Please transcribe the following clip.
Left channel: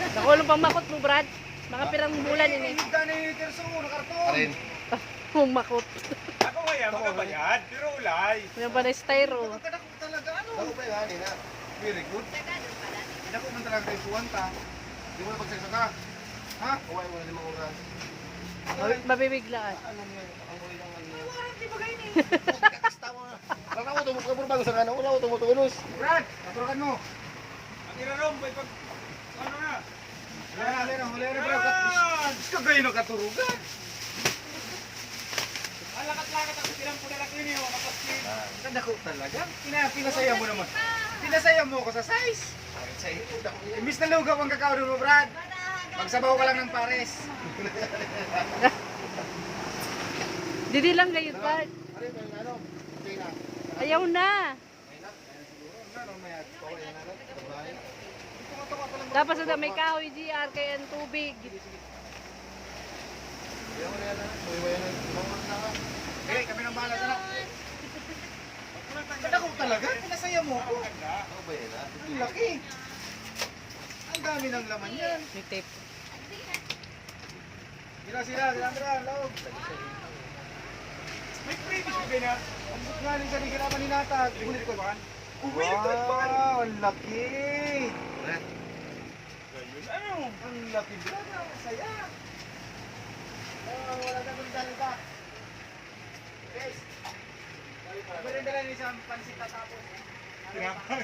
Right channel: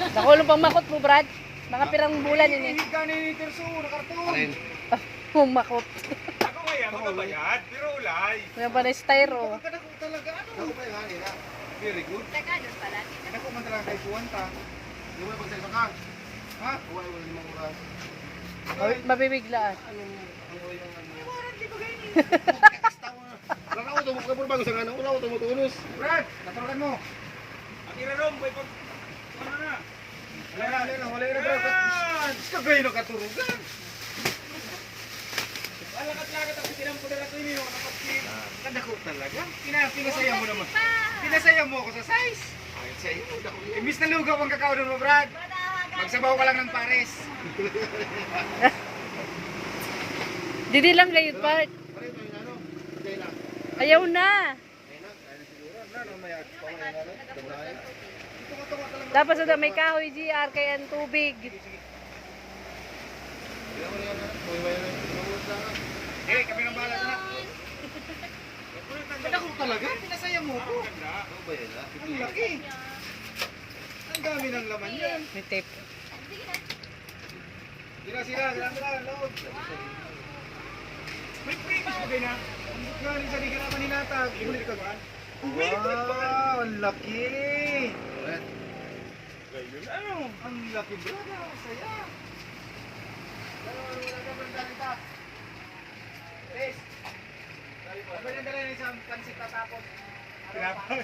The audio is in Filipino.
Nakulong pang makot mo, Brad. Mga pirang bulan yun eh. Hindi ka na yung terso, nakarton. Humakot. Ako kaya magabayad, pero ulay. Yan pa na styro. Kadako talaga ano? Ako ba yan, na. Very good. Kadako man talaga kay Suwanta. Di mo na pagsaksa ka. Ha? Wala limang oras. Mabibiglaan. Anong ang oy ng ano? Warranty ba kayo ni? Tawa. Wala ko tumukha mo bago sa ano, wala ko tumutunos. Brad, matulungan mo. Ang irirom, boy, pag... Ano na? Huli na bro. Kagay na katurugan. Ang lakat-lakat ako silang pudala ko yun, makapit. Kadako talaga. Pinasaya mo naman. Pinasaya mo ako sa size. Imbis na lugaw ang kakao doon mo, Brad. Magsabaw ka lang ng pares. Didi lang kayo, Bart. Ayaw na. Dapat sa may kahoy, GR, kaya ang tubig. Eh, kami nang bahala na. Kadako talaga. Pinasaya mo ako. Ang laki. Ang dami ng laman yan. May tape. Sila, loob. May previous ko din ha. Ang buklan sa liga naman nilatag. Ibulit ka ba? Wow, ang laki. Ano? Ang laki bro. Saya. Wala ka ba dalita? Guys. Sabi rin dala ni isang pansit na tapos. Pinapay.